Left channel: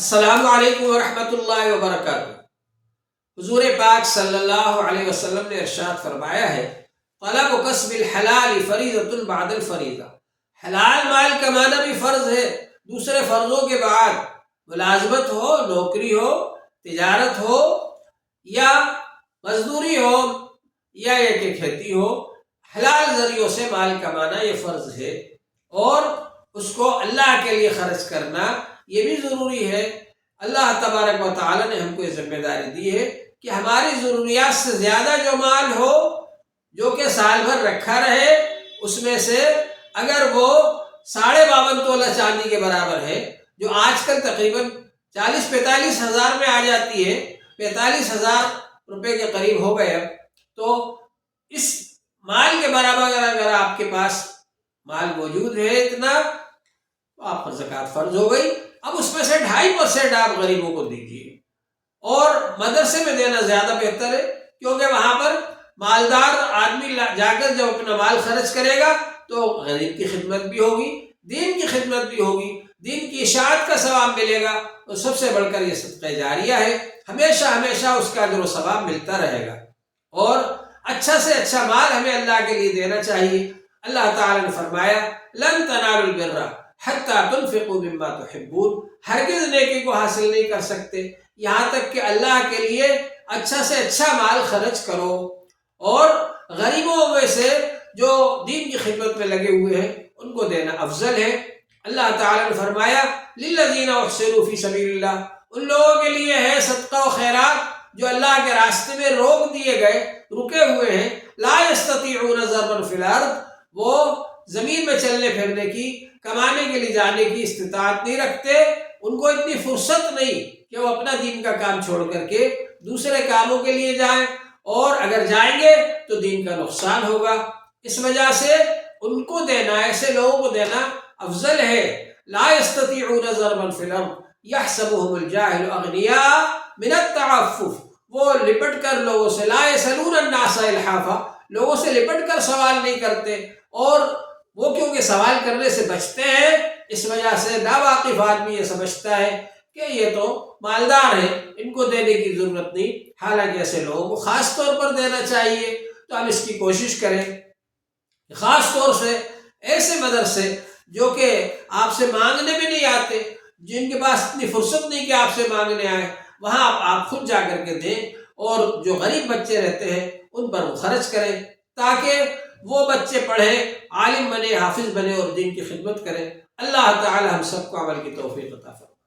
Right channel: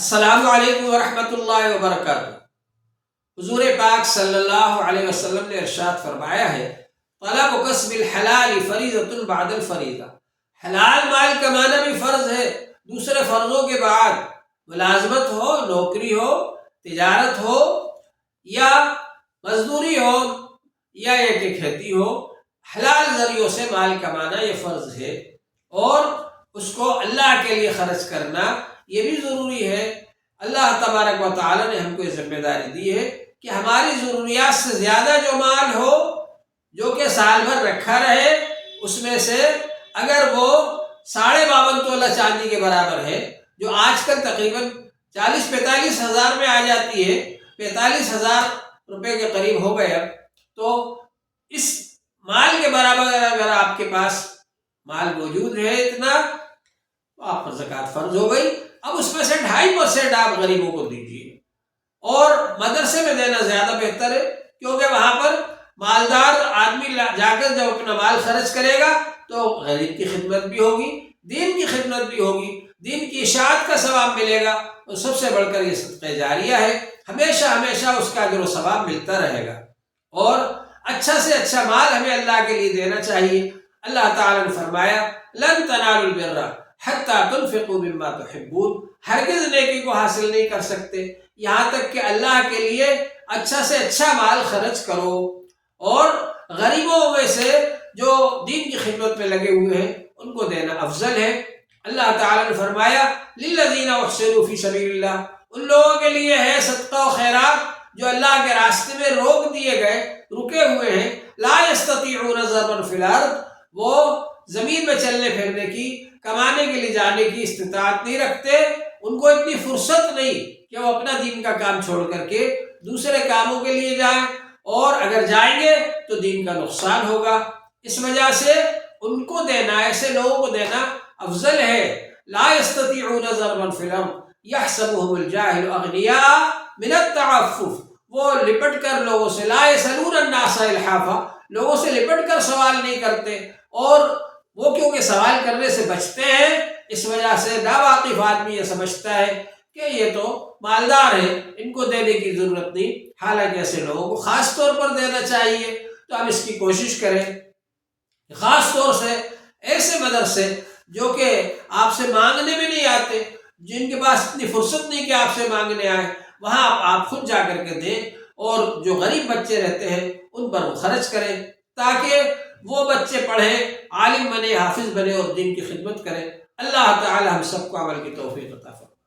السلام علیکم ورحمۃ اللہ وبرکاتہ۔ حضور پاک صلی اللہ علیہ وسلم نے ارشاد فرمایا ہے، طلب کسب الحلال فریضۃ بعد الفریضہ۔ حلال مال کمانا بھی فرض ہے دوسرے فرضوں کے بعد، ملازمت ہو، نوکری ہو، تجارت ہو یا مزدوری ہو یا یہ کہ کھیتی ہو، حلال ذریعوں سے مال کمانا یہ فرض ہے، اور اس کو اللہ کے لیے خرچ کرنا یہ بھی ضروری ہے۔ اللہ تبارک و تعالی نے ہم کو یہ ذمہ داری دی ہے کہ ہماری ضروریات سے زیادہ جو مال ہو، جو کہ سال بھر رکھا رہے، اس میں سے اگر وہ 52.5 تولہ چاندی کے برابر ہے، جو آج کل تقریباً 40-45 ہزار میں آ جاتی ہے، 45,000 روپے کے قریب ہو گئے اب، تو اس مال کے برابر اگر آپ کے پاس مال موجود ہے اتنا، تو آپ پر زکوٰۃ فرض ہو گئی۔ اب اس میں سے 2.5% آپ غریبوں کو دیجیے، اور مدرسے میں دینا زیادہ بہتر ہے، کیونکہ وہاں پر مالدار آدمی جا کر جب اپنا مال خرچ کرے گا تو غریب کی خدمت بھی ہوگی، دین کی خدمت بھی ہوگی، دین کی اشاعت کا ثواب ملے گا، اور سب سے بڑھ کر یہ صدقہ جاریہ ہے، ہمیشہ ہمیشہ اس کا اجر و ثواب ملتا رہے گا۔ اور اچھا سے اچھا مال ہمیں اللہ کے لیے دینا چاہیے۔ اللہ تعالیٰ نے فرمایا، لن تنالوا البر حتی تنفقوا مما تحبون، ہرگز نیکی کو حاصل نہیں کر سکتے یہاں تک کہ اللہ کے لیے اچھا سے اچھا مال خرچ کرو، اور غریبوں میں سے جو دین کی خدمت میں لگے ہوئے ہیں ان کو دینا افضل ہے۔ اللہ تعالیٰ نے فرمایا، للذین احسنوا فی سبیل اللہ، ان لوگوں کے لیے ہے صدقہ و خیرات جو اللہ کے راستے میں روک دیے گئے، رکے ہوئے ہیں، لا یستطیعون ضربا فی الارض، وہ زمین میں چلنے پھرنے کی، کمانے کے لیے جانے کی استطاعت نہیں رکھتے، ان کو اتنی فرصت نہیں کہ وہ اپنا دین کا کام چھوڑ کر کے دوسرے کاموں کے لیے جائیں، اور اگر جائیں گے تو دین کا نقصان ہوگا۔ اس وجہ سے ان کو دینا، ایسے لوگوں کو دینا افضل ہے۔ لا یستطیعون ضربا فی الارض یحسبهم الجاہل اغنیاء من التعفف، وہ لپٹ کر لوگوں سے، لا یسألون الناس الحافا، لوگوں سے لپٹ کر سوال نہیں کرتے، اور وہ کیونکہ سوال کرنے سے بچتے ہیں، اس وجہ سے ناواقف آدمی یہ سمجھتا ہے کہ یہ تو مالدار ہے، ان کو دینے کی ضرورت نہیں، حالانکہ ایسے لوگوں کو خاص طور پر دینا چاہیے۔ تو ہم اس کی کوشش کریں، خاص طور سے ایسے مدرسے جو کہ آپ سے مانگنے میں نہیں آتے، جن کے پاس اتنی فرصت نہیں کہ آپ سے مانگنے آئے، وہاں آپ خود جا کر کے دیں، اور جو غریب بچے رہتے ہیں ان پر وہ خرچ کریں، تاکہ وہ بچے پڑھیں، عالم بنے، حافظ بنے، اور دین کی خدمت کریں۔ اللہ تعالی ہم سب کو عمل کی توفیق عطا فرمائے۔